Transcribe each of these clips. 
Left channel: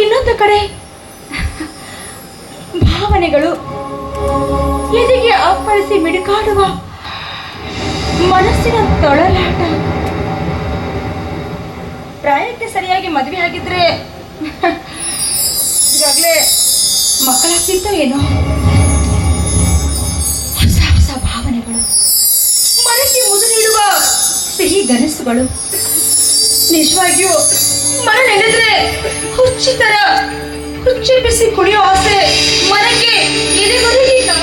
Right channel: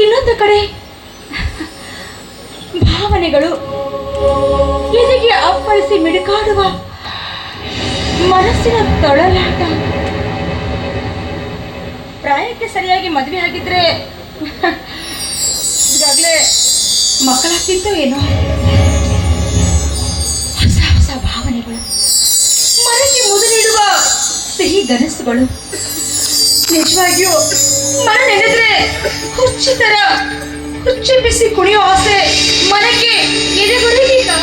ಇನ್ನೊಂದು ಕಡೆ, ಭಾವನೆಗಳು ಎದೆಗೆ ಅಪ್ಪಳಿಸಿ ಮಿಡುಕಾಡುವ ಮನಸ್ಸಿನ ತೊಳಲಾಟ. ಪ್ರಾಯಕ್ಕೆ ಸರಿಯಾಗಿ ಮದುವೆ ಆಗಿದ್ರೆ, ಈಗಾಗಲೇ ಮಕ್ಕಳಾಗ್ತಿತ್ತು ಏನೋ. ಹೊಸ ಹೊಸ ಭಾವನೆಗಳು. ಮನಸ್ಸಿಗೆ ಮುದುರಿಡುವ ಸಿಹಿ ಗನಸುಗಳು ನಿಜವಾಗಿಯೂ ಮರ ನೆನೆದ್ರೆ ಕುರ್ಚಿ ತರ ಕುರ್ಚಿ ಬಿಸಿ ಕುಣಿಯೋ ಆಸೆ ಮನಕ್ಕೆ ಎದೆಗೊರಗಿ ಆ,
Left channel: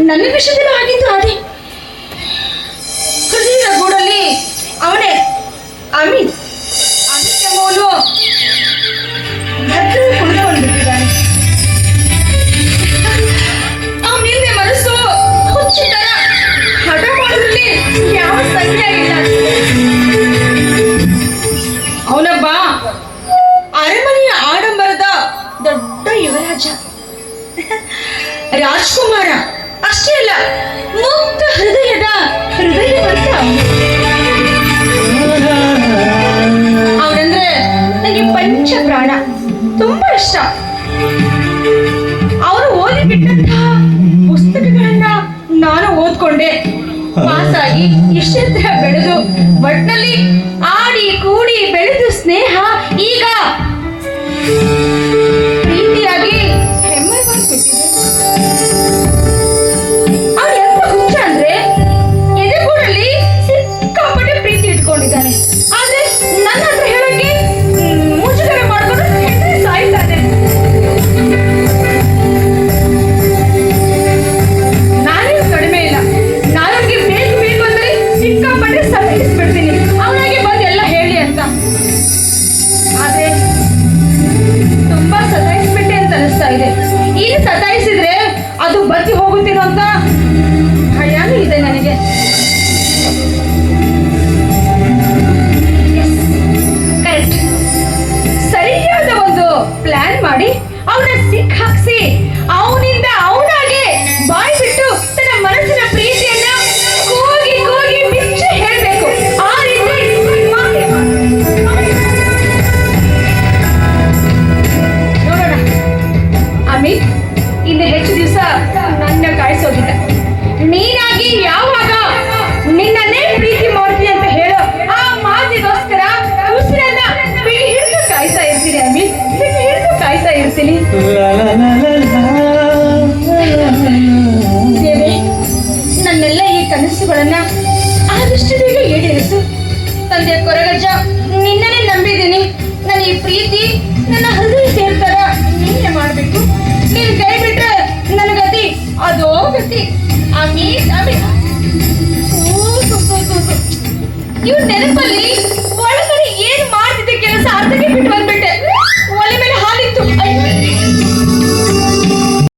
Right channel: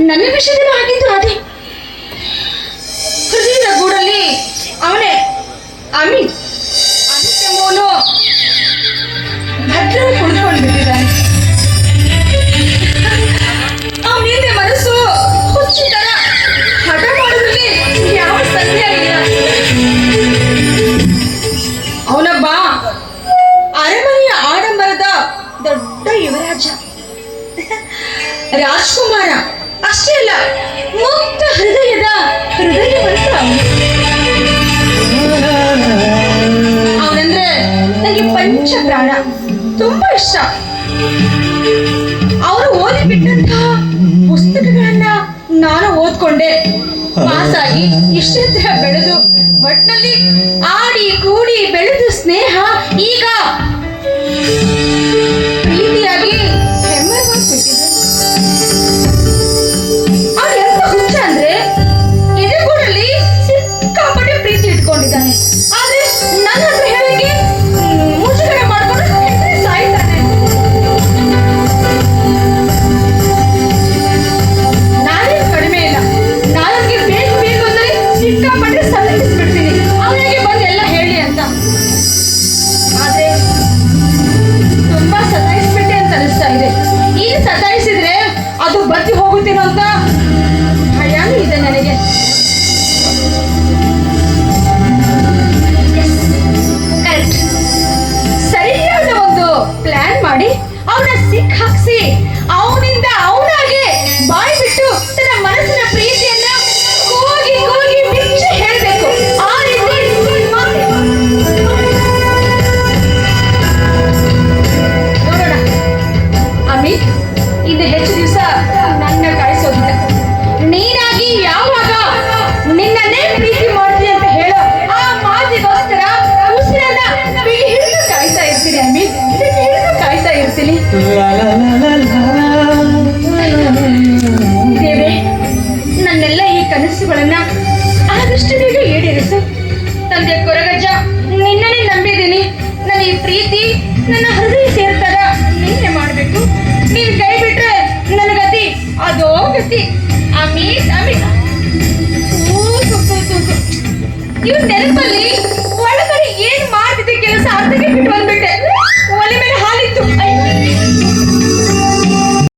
ನನ್ನ ವಿಷಯದಲ್ಲೂ ಆಗಿದ್ದು ಅದೇ ದೊಡ್ಡ ಯುವರಾಜ. ರಾಜ್ಕುಮಾರ, ಅಷ್ಟೇ ಅಲ್ಲ, ಮುಕ್ತ ಹೃದಯದ ಹೃದಯವಂತ ಅವನಂದ್ರೆ ನನಗೆ ಪಂಚ ಪ್ರಾಣ ತುಂಬಾ ಇಷ್ಟ. ಅವರು ಓದಿ ಬಿಟ್ಟಂತಹ ಪುಸ್ತಕಗಳನ್ನ ನಾನು ಓದ್ಕೊಂಡೆ. ಪಾಸಾಗಿ ಇಷ್ಟೆತ್ತರ ಬೆಳೆದು, ಒಟ್ನಲ್ಲಿ ಆಡಿ, ಕೂಡಿ ಬೆಳೆದು ಸ್ನೇಹ ಸತಾಯಿಸಿದ್ರೆ ಅದು ಬತ್ತಿ ಹೋಗುತ್ತೇನೋ ಅಂತ ಭಯನೂ ಇದೆ ನನಗೆ. ಕರೆಕ್ಟ್ ಸರಿಯಾದ ಒಂದು ಪ್ಲಾನ್ ಮಾಡಿ, ಅವನ ಸಿಕ್ ಹಾಕ್ಸಿ ಕಾಯ್ತೀರಿ ಅಮ್ಮಿ ಕಾಯ್ತಾ ಇರ್ತೀನಿ. ದೇವೇ, ನನ್ನೆಲ್ಲ ಈ ಕನಸುಗಳನ್ನ ಆದಷ್ಟು ಬೇಗ ಈಡೇರಿಸು. ತಂದೆ ಕೊರಗಜ್ಜ ನಿನ್ನನೇ ನಂಬಿದ್ದೀನಿ. ನನ್ನ ಈ ಪ್ರೀತಿ ನನ್ನ ಹೃದಯ ಸೇರ್ತಾರ ನೀನೆ ಮಾಡಬೇಕು ನೀನ್ ಕೈ ಬಿಟ್ರೆ ನನ್ನ ಗತಿ ಅದೋ ಗತಿ ಅಮ್ಮಿ ಅಮ್ಮಿ ಇವ್ರ ನೆನಪಲ್ಲಿ